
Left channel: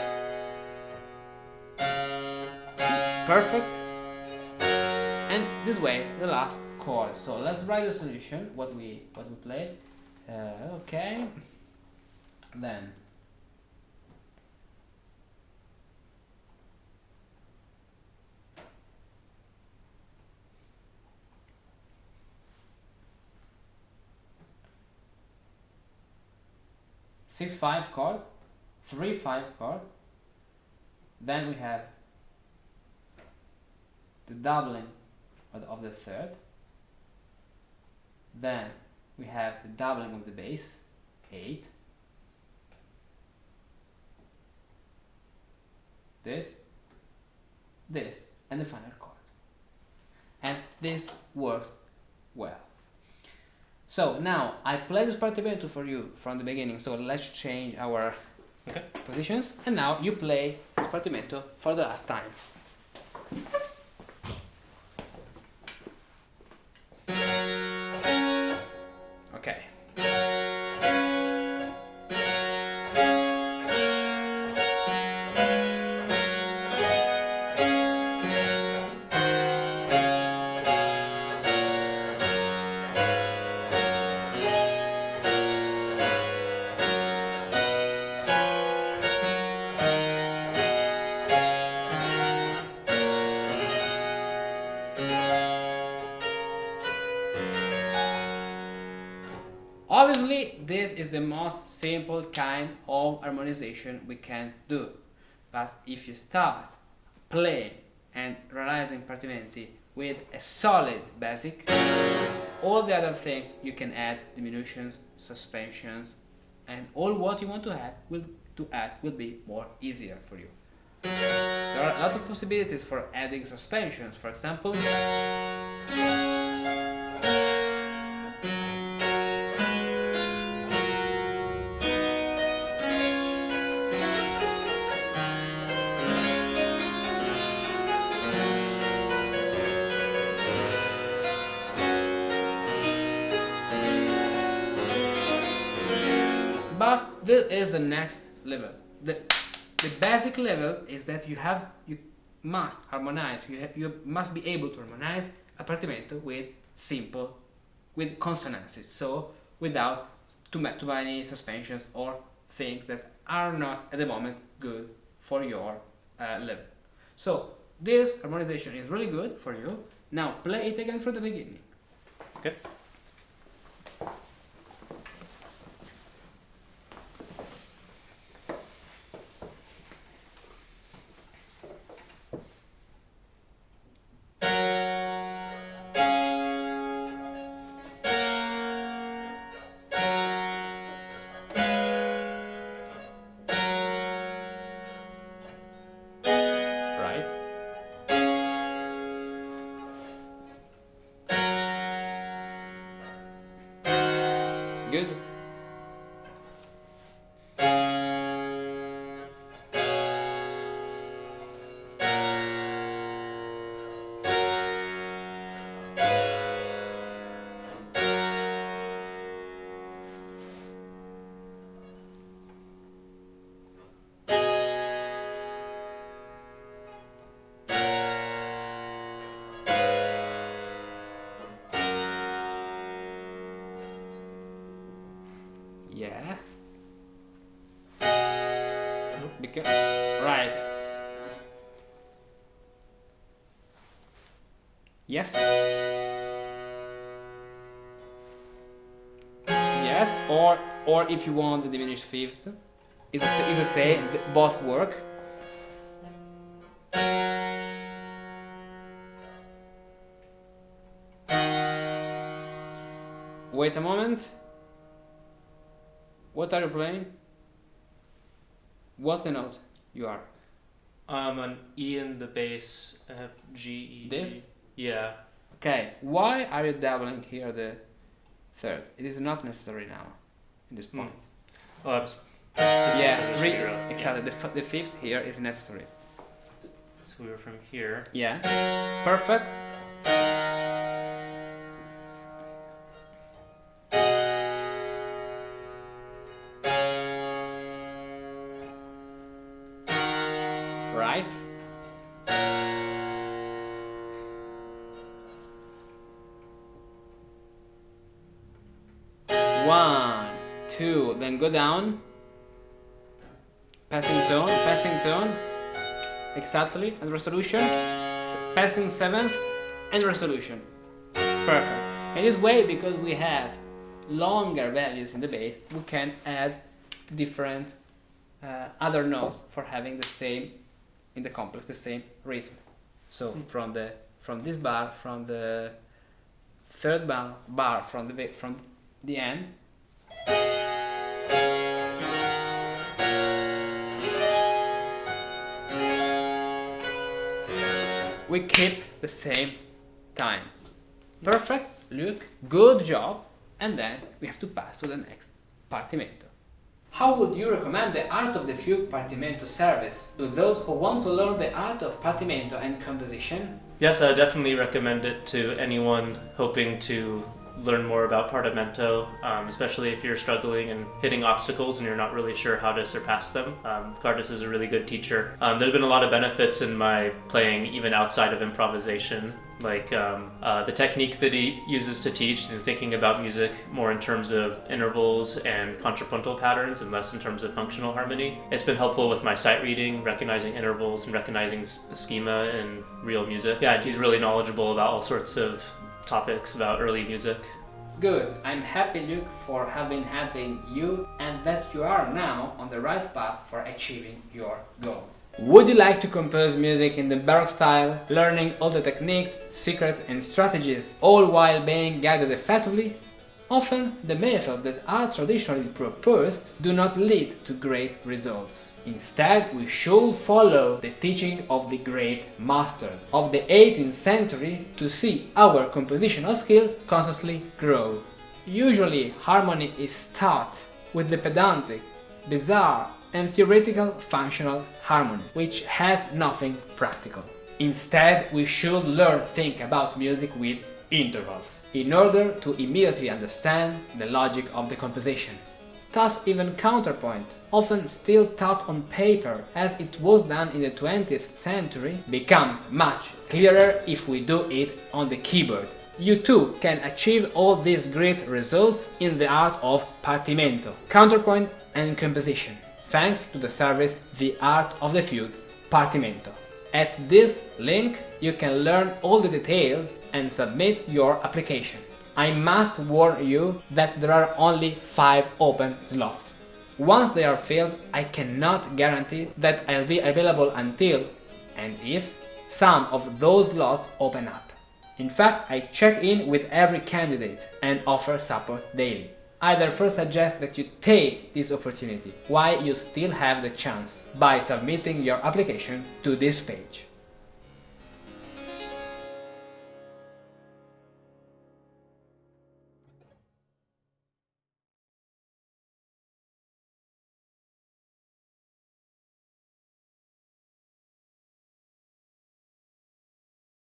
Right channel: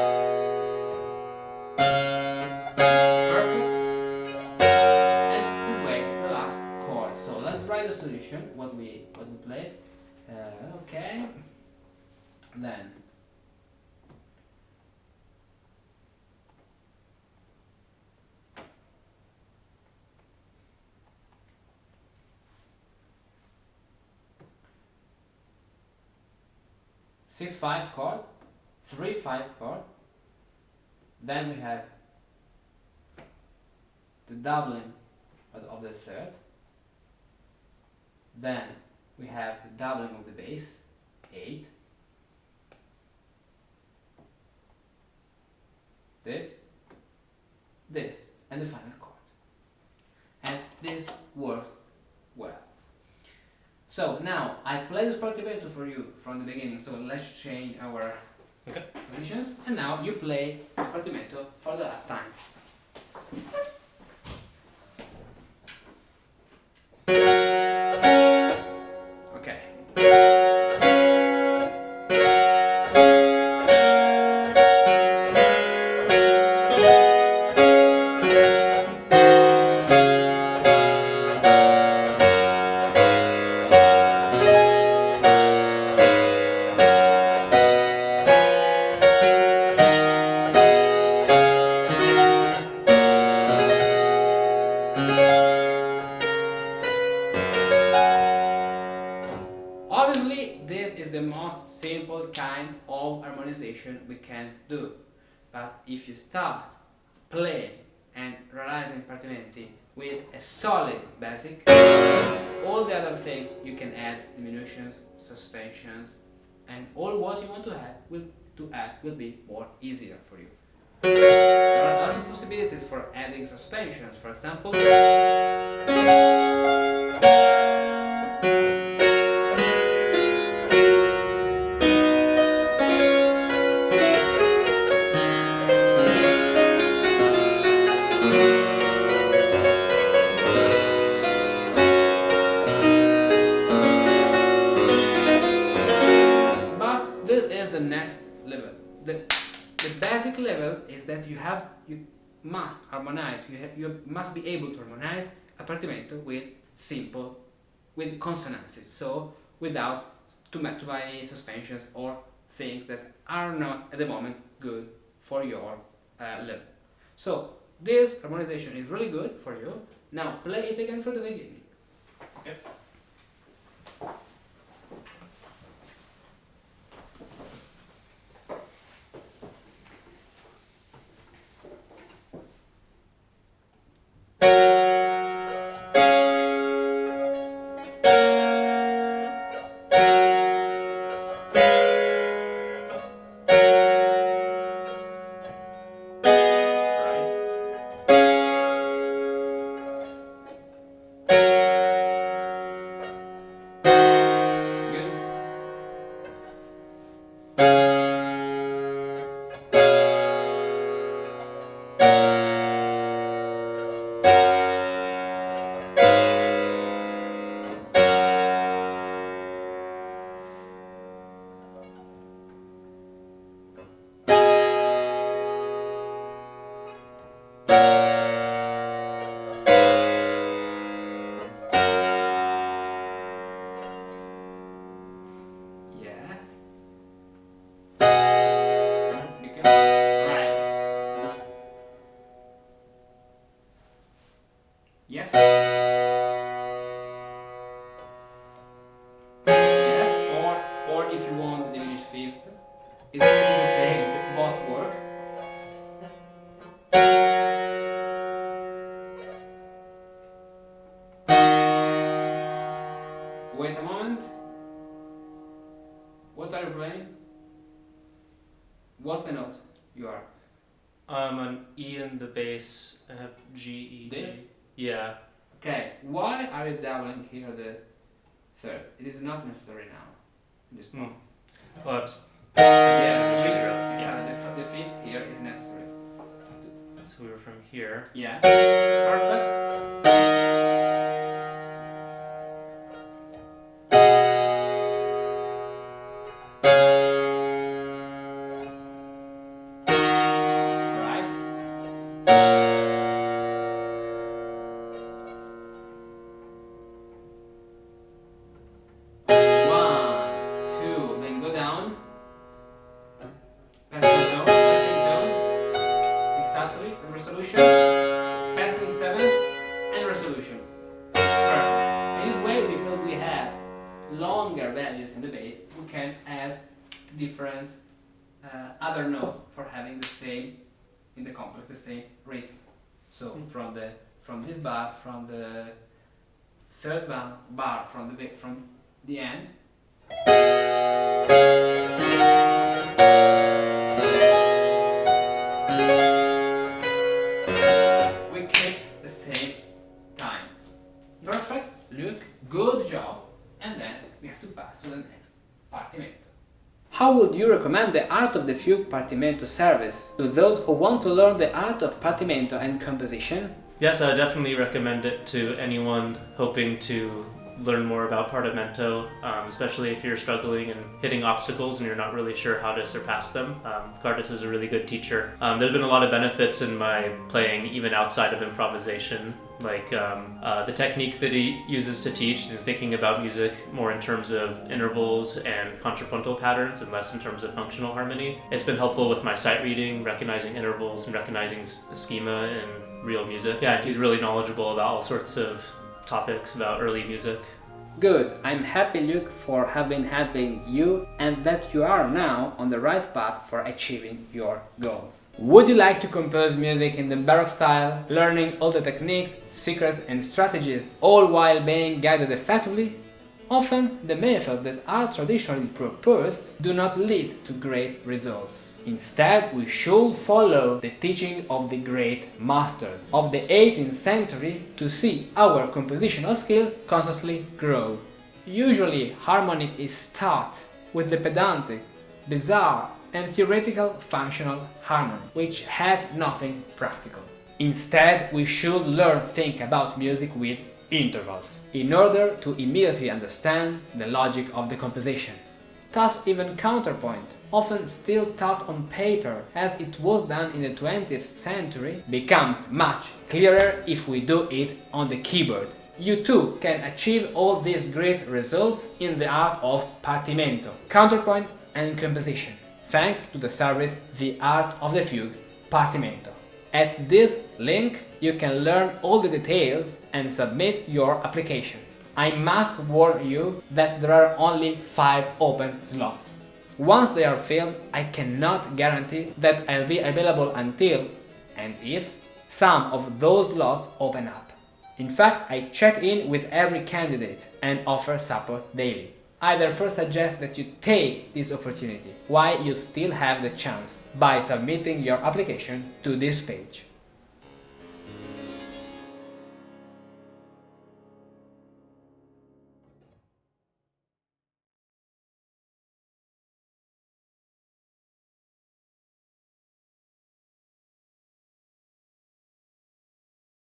Perfect. And this way, the last chord. So let's write the solution. What we played. Okay. Then. Six five chord, 3/5 chord. Then we have the doubling of the third. Then we have the doubling of the bass, 8. This, and the final chord. And this works well. So now I play this Partimento for you from the beginning, so let's change our positions, and now you play this Partimento for the last time. Okay. Obviously, this is the most simple kind of harmonization we can do. But if you start playing and realizing partimenti with a solid basic, all the other things you can add, diminutions, suspensions, and all what you want to add will be more easier for you. There are a lot of possibilities for adding suspensions, for example. But this is the next level. The basic level is that you must harmonize. You must be able to harmonize a partimento with consonances. So without too many suspensions or things that are not at the moment good for your level. So this harmonization is really good for you. Now play it again from the beginning. Okay. Yes. Yes, or if you want the diminished fifth, is the same, both work. Wait a moment. What are you playing? What's the note you are? An E in the bass, I have G, E, D. This? Yeah. Okay, why are you doubling here the third? It is not necessary now, in this point. Well, Yeah, three, Yeah. exactly, the fifth here is necessary. So we were from here. Yeah, perfect. Right. One, two, then go down. Passing tone, exactly, and resolution. Passing seventh and resolution. Perfect. In this way, because we have longer values in the bass, we can add different other notes for having the same in the complex, the same rhythm. So from this bar, from the third bar from the end. We keep the same time. Perfect, Luke, good job. And then we have to pass to the next Partimento. How would you recommend the Art of the Fugue Partimento service to those who want to learn the art of Partimento and composition? Yes, I definitely recommend it to anyone hoping to learn more about Partimento, especially if you're struggling and hitting obstacles and you're not really sure how to surpass them. Cardis is a really good teacher. There's been a lot of benefits in my playing even outside of improvisation, like the technique that he uses to teach and thinking about music more in terms of intervals and contrapuntal patterns and less in terms of functional harmony. It's been helpful with my sight reading, recognizing intervals and recognizing schema in real music. Yeah, he's really knowledgeable about all sorts of topics about early music. Good, I'm happy, Luke, for having helping you and that you are now on the right path for achieving your goals. Would you like to compose music in the Baroque style, learning all the techniques, secrets and strategies, all while being guided effectively? Often, the methods that are traditionally proposed do not lead to great results. Instead, we should follow the teaching of the great masters of the 18th century to see our compositional skill constantly grow. Usually, harmony is taught with the pedantic, bizarre and theoretical functional harmony, which has nothing practical. Instead, we should learn to think about music with intervals, in order to immediately understand the logic of the composition. Thus, even counterpoint, often still taught on paper as it was done in the 20th century, becomes much clearer if we do it on the keyboard. You too can achieve all these great results in the art of Partimento, counterpoint and composition, thanks to the service The Art of the Fugue, Partimento. At this link, you can learn all the details and submit your application. I must warn you that there are only 5 open slots. Once they are filled, I cannot guarantee that I'll be available until, and if, some of those slots open up. In fact, I check in with every candidate and offer support daily. I therefore suggest that you take this opportunity while you still have the chance by submitting your application to this page.